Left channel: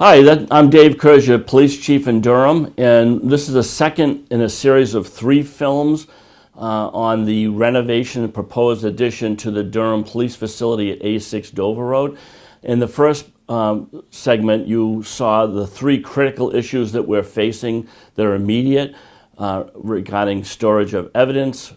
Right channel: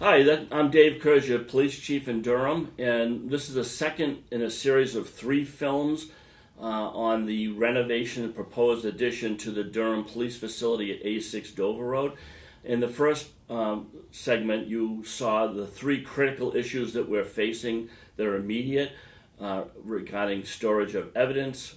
Hi, I'm Dave Kershaw, Police Chief in Durham, and this is the second in a series of three films on the renovation and proposed addition to the Durham Police Facility at A6 Dover Road. In the first segment, you saw the three critical issues that we're facing that are immediate regarding storage of evidence,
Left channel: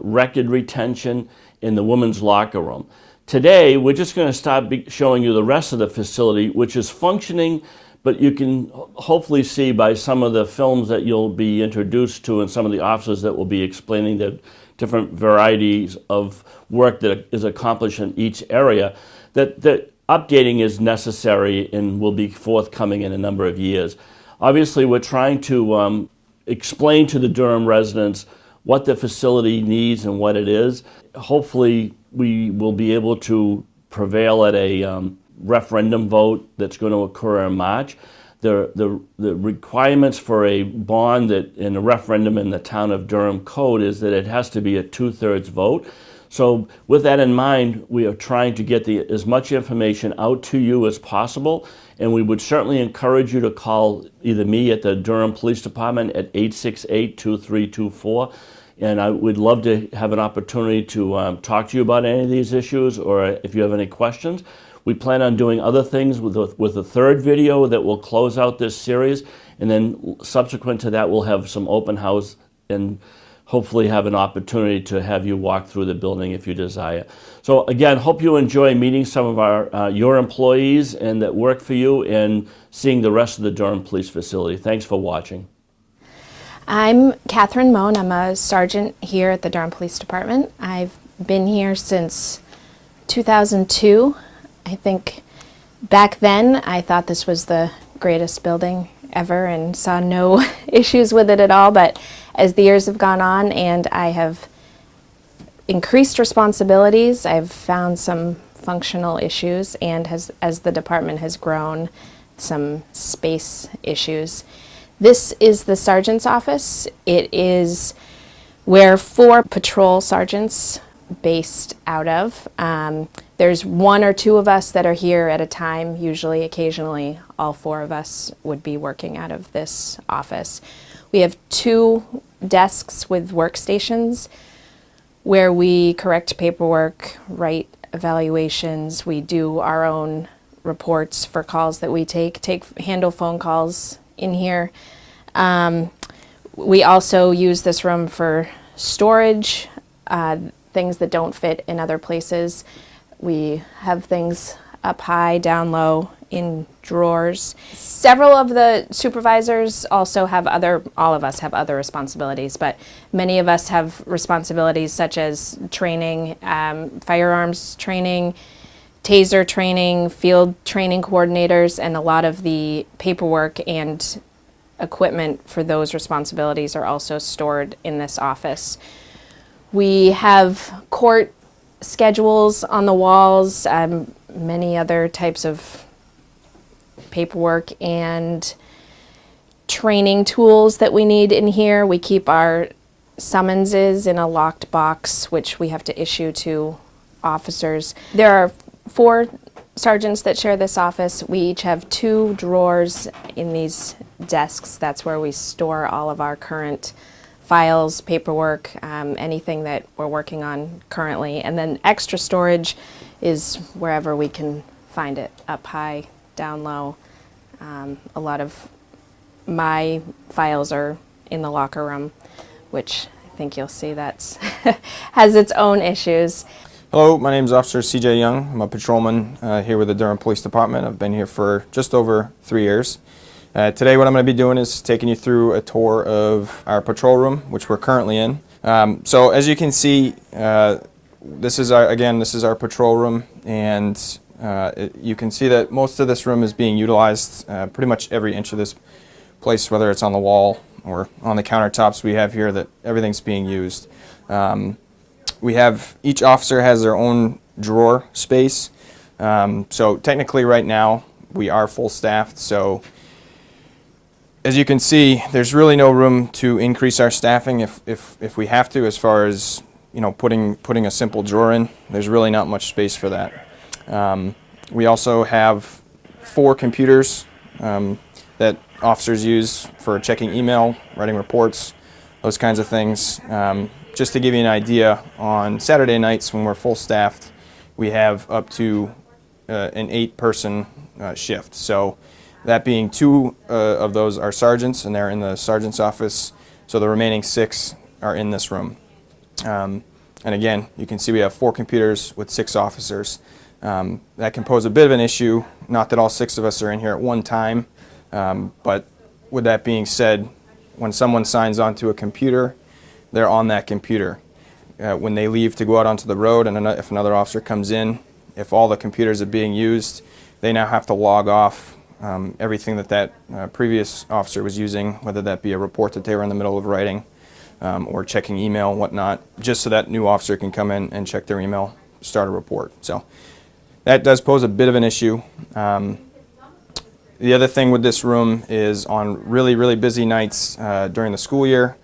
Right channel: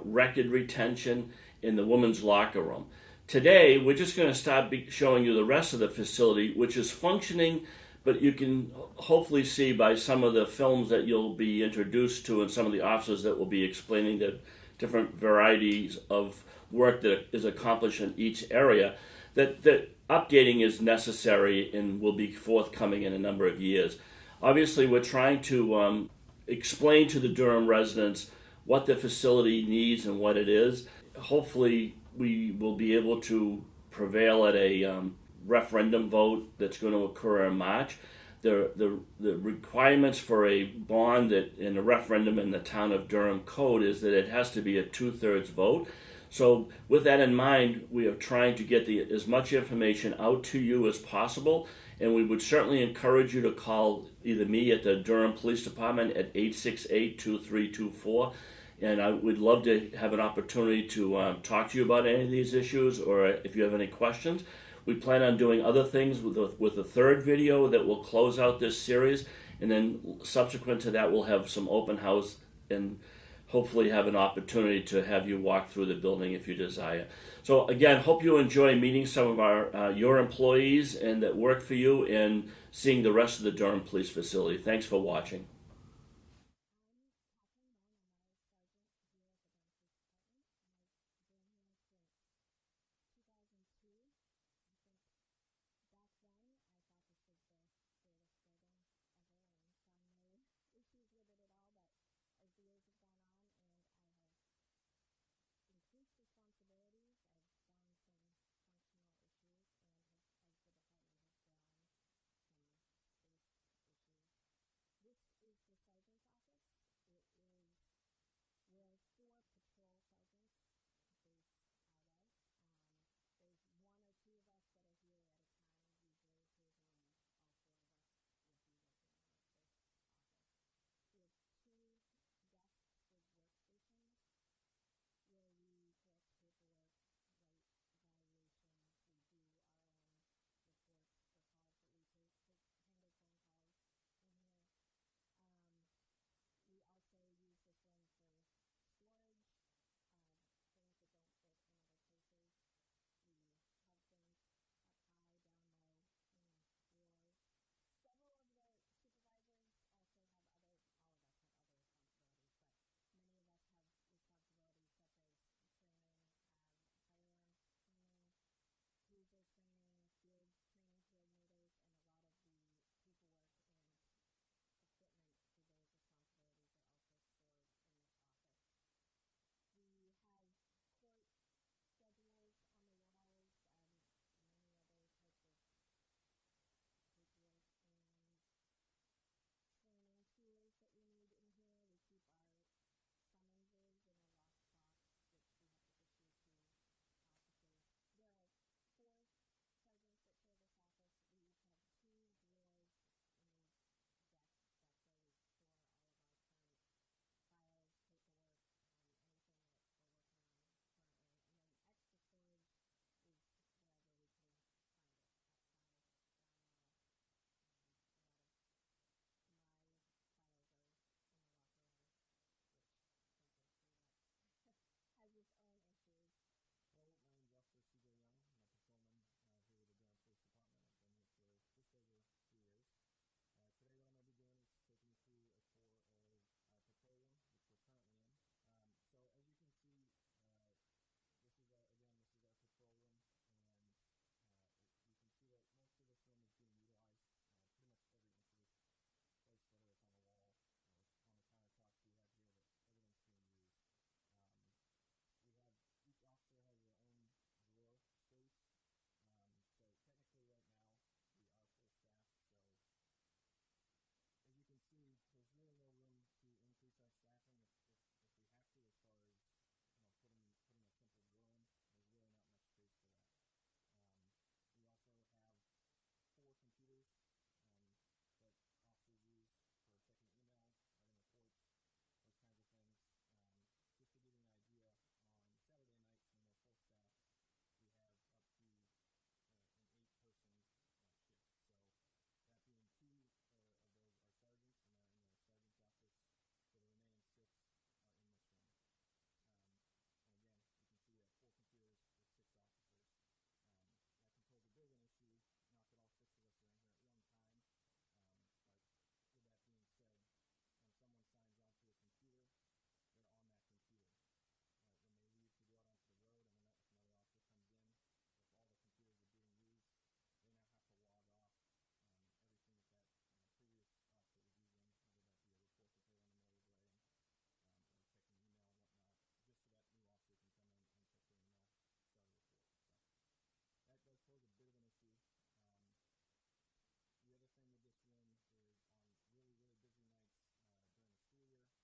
record retention, in the women's locker room. Today, we're just going to start showing you the rest of the facility, which is functioning, but you can hopefully see by some of the films that you'll be introduced to and some of the officers that will be explaining the different varieties of work that is accomplished in each area, that updating is necessary and will be forthcoming in a number of years. Obviously, we're trying to explain to the Durham residents what the facility needs and what it is. Hopefully, we will be able to prevail at a referendum vote that's going to occur in March. The requirements for a bond that in a referendum in the town of Durham code is that it has to be a 2/3 vote. So with that in mind, we are trying to get as much information out to you as possible, and we would certainly encourage you to call either me at the Durham Police Department at 868-2324. And I would love to have an opportunity to talk to you about any of these issues, or if you have any questions. We plan on doing other things with a third video that will close out this series, and then subsequent to that we'll have some open house and hopefully have an opportunity to have you walk through the building if you desire. So again, hope you enjoy meeting some of your employees and that work for you and seeing the rest of the Durham Police Facility. Thanks for watching. I'm Catherine Moan. I'm a sergeant here at the Durham Police Department. I've been here since 2002. I think back then I thought this was the greatest building ever and saw no issues with it at all, but as the years have gone on and I have increased responsibilities, I've found some functional issues, and as the department has grown, some space issues. This is the sergeant's office. It is where 4 patrol sergeants based out of. There's 1 or 2 of us that are here at a time. Usually, occasionally, all 4 of us would be working out of this office. We have 2 desks with workstations where we correct paperwork, write evaluations. We do our own reports for calls that we handle phone calls in here. We also use this room for storage, things that don't fit in other places. We have things up high, down low, in drawers. Several of the supervisors also have all of us have other responsibilities, but many of us have responsibilities such as training, firearms training, taser training, field training coordinators, and a lot of the paperwork and equipment for those responsibilities are also stored in this office. We have court schedules on the walls, many other types of paperwork and training tools that we need in here. We keep our summonses in a locked box, which we have to issue to officers. There are 4 sergeants that share this office. We each have 2 drawers in these desks. That's where we store all of our current files, paperwork, anything that we're working on currently. And then extra storage is wherever we can find it, up high, down low. A lot of my files are in the locker room, which I think you'll see that's has its own issues. Hello, my name is Officer CJ Young. I'm a patrolman here with the Durham Police Department. I've been here for just over 3 years. Today what I'm going to be doing is taking you through a tour of our patrol room, which we're currently in. So as you can see, this is our patrol room, and you can see that most of this room is being utilized. Pretty much every inch of this place, whether it's on the wall or on the countertops we have here, that everything's being used. Each officer has their own drawer space. So technically right now we are full staffed. So as you can see, there's really no room to increase our staffing if we have to, as far as putting a simple drawer in. There's really not much space for that. We also have 4 computers that officers use for checking email, writing reports, those kinds of things. Just to give you an idea, on Saturday nights when we're full staffed, we have up to an 8-person shift. So that being 2 of those are sergeants, and they're in the sergeant's office. So the remaining 6 are in this room. And again, you can see we have 4 computers with 6 officers. That can pose a bit of an issue, not that all 6 of us are in here at one time, but with that being said, when someone signs onto a computer, they're on that computer. When they leave to go out onto the road, and if another officer comes in, if all the computers are being used, they now have to log off everything that previous officer was using, whether that be a report that they were in the middle of writing or checking email and whatnot, just so that new officer can come in and check their email, start a report. So that does pose a bit of an issue. The other thing with this room is on really, really busy nights during the school year,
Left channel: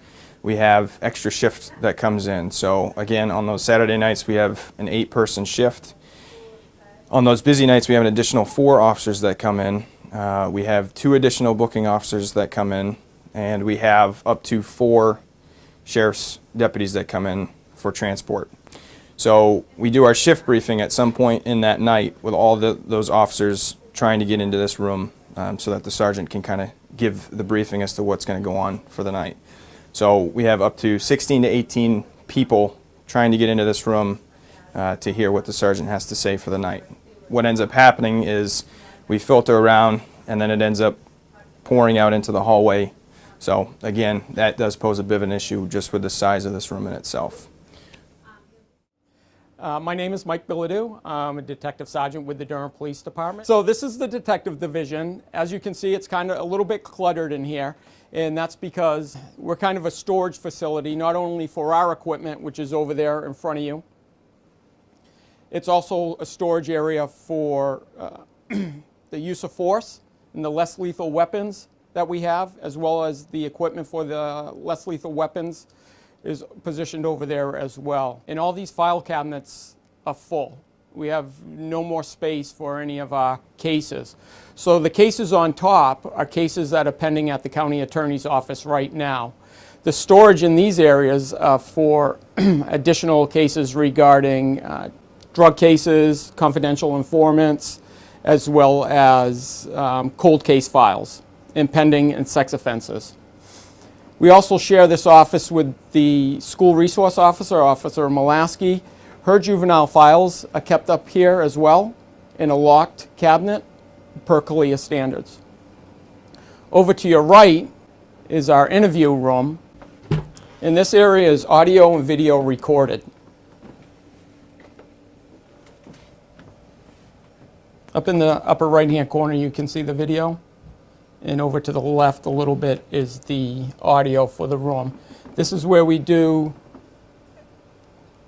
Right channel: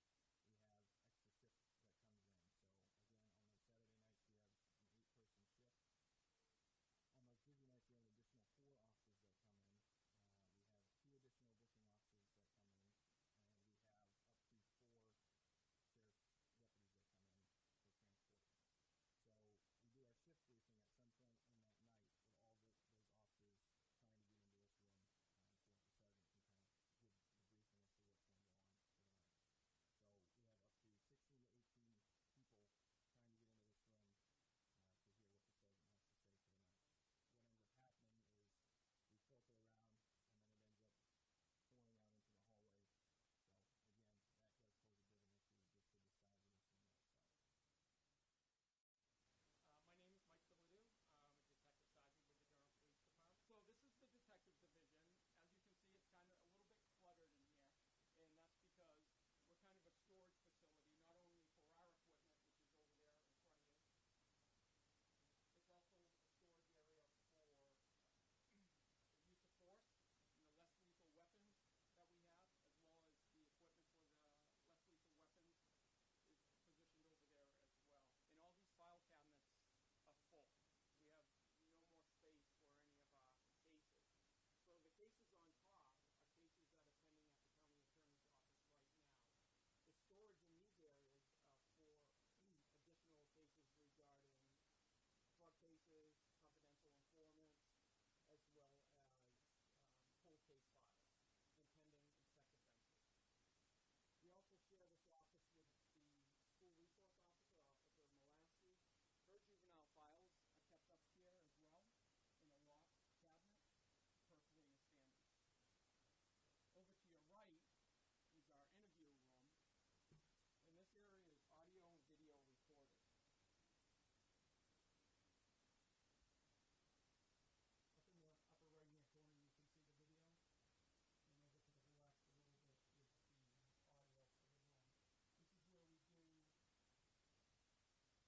we have extra shift that comes in. So again, on those Saturday nights, we have an 8-person shift. On those busy nights, we have an additional 4 officers that come in. We have 2 additional booking officers that come in, and we have up to 4 sheriff's deputies that come in for transport. So we do our shift briefing at some point in that night with all those officers trying to get into this room so that the sergeant can kind of give the briefing as to what's going to go on for the night. So we have up to 16 to 18 people trying to get into this room to hear what the sergeant has to say for the night. What ends up happening is we filter around, and then it ends up pouring out into the hallway. So again, that does pose a bit of an issue just with the size of this room in itself. My name is Mike Bilodeau. I'm a detective sergeant with the Durham Police Department. So this is the detective division. As you can see, it's kind of a little bit cluttered in here, and that's because we're kind of a storage facility, not only for our equipment, which is over there in front of you. It's also a storage area for the use of force and the less lethal weapons that we have, as well as the equipment for the less lethal weapons is positioned over there as well. And all these file cabinets are full. We have no more space for any of our cases. So the cases on top are cases that are pending at the county attorney's office right now. The storage in these areas for additional cases regarding drug cases, confidential informants, as well as cold case files, and pending and sex offenses. We also share this office with the school resource officer, Officer Molaski. Her juvenile files are kept up here as well in a locked cabinet per CALEA standards. Over to your right is our interview room, and this area is audio and video recorded. Up in the upper right-hand corner, you can see the video. And over to the left a little bit is the audio for the room. This is where we do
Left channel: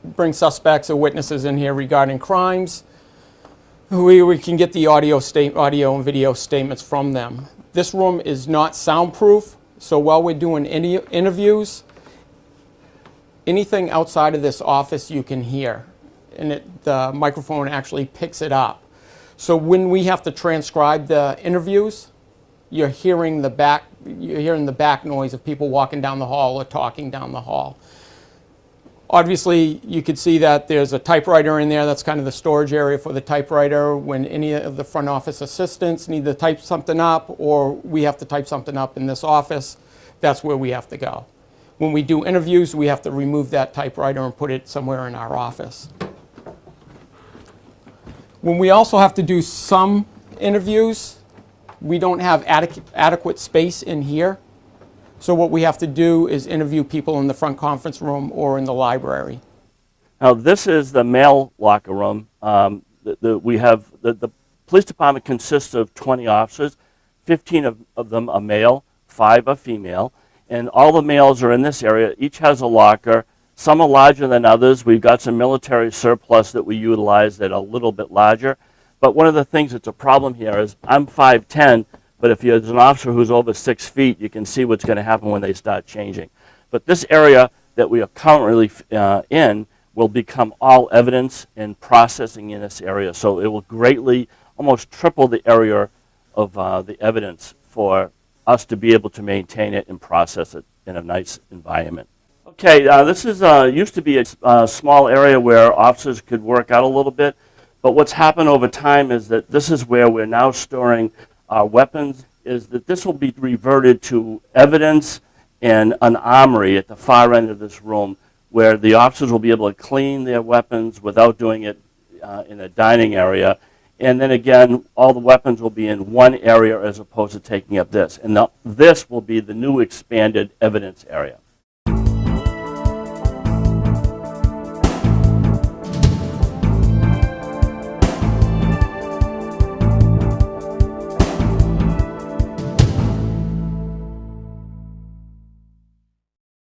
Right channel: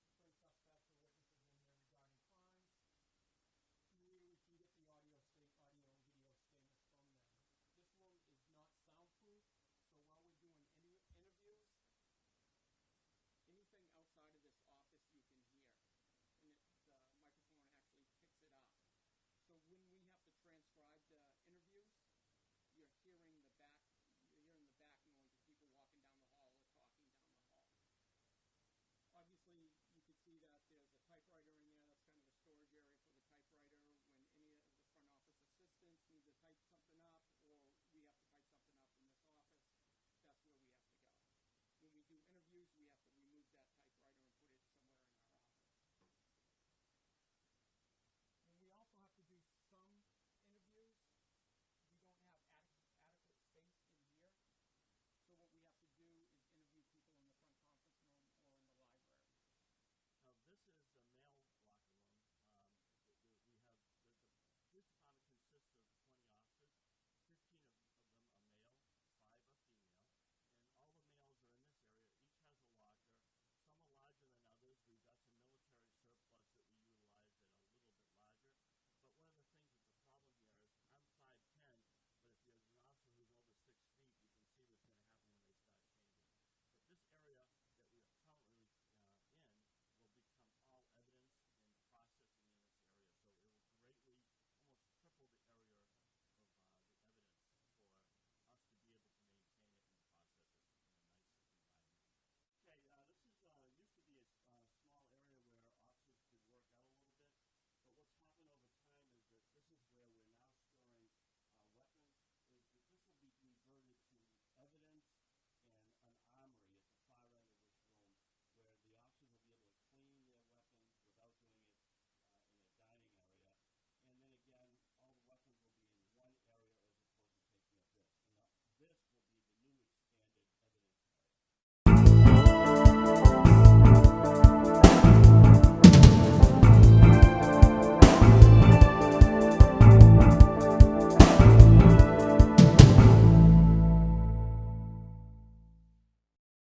bring suspects or witnesses in here regarding crimes. We can get the audio and video statements from them. This room is not soundproof, so while we're doing interviews, anything outside of this office you can hear, and the microphone actually picks it up. So when we have to transcribe the interviews, you're hearing the back noise of people walking down the hall or talking down the hall. Obviously, you could see that there's a typewriter in there. That's kind of the storage area for the typewriter. When any of the front office assistants need to type something up, or we have to type something up in this office, that's where we have to go. When we do interviews, we have to remove that typewriter and put it somewhere in our office. When we also have to do some interviews, we don't have adequate space in here. So what we have to do is interview people in the front conference room or in the library. Now this is the male locker room. We have the police department consists of 20 officers. 15 of them are male, 5 are female, and all the males are in this area. Each has a locker. Some are larger than others. We've got some military surplus that we utilize that are a little bit larger. But one of the things that's a problem here is I'm 5'10", but if there's an officer who's over 6 feet, you can see what's going to happen when they start changing. But this area that we are currently in will become all evidence and processing in this area. So it will greatly, almost triple the area of the evidence for us to be able to maintain it and process it in a nice environment. Okay, this is used to be a small area where officers could work out a little bit, but what's happened over time is that this is where we're now storing our weapons, is that this will be reverted to evidence and an armory at the far end of this room, where the officers will be able to clean their weapons without doing it in a dining area. And then again, all the weapons will be in one area as opposed to taking up this. And this will be the new expanded evidence area.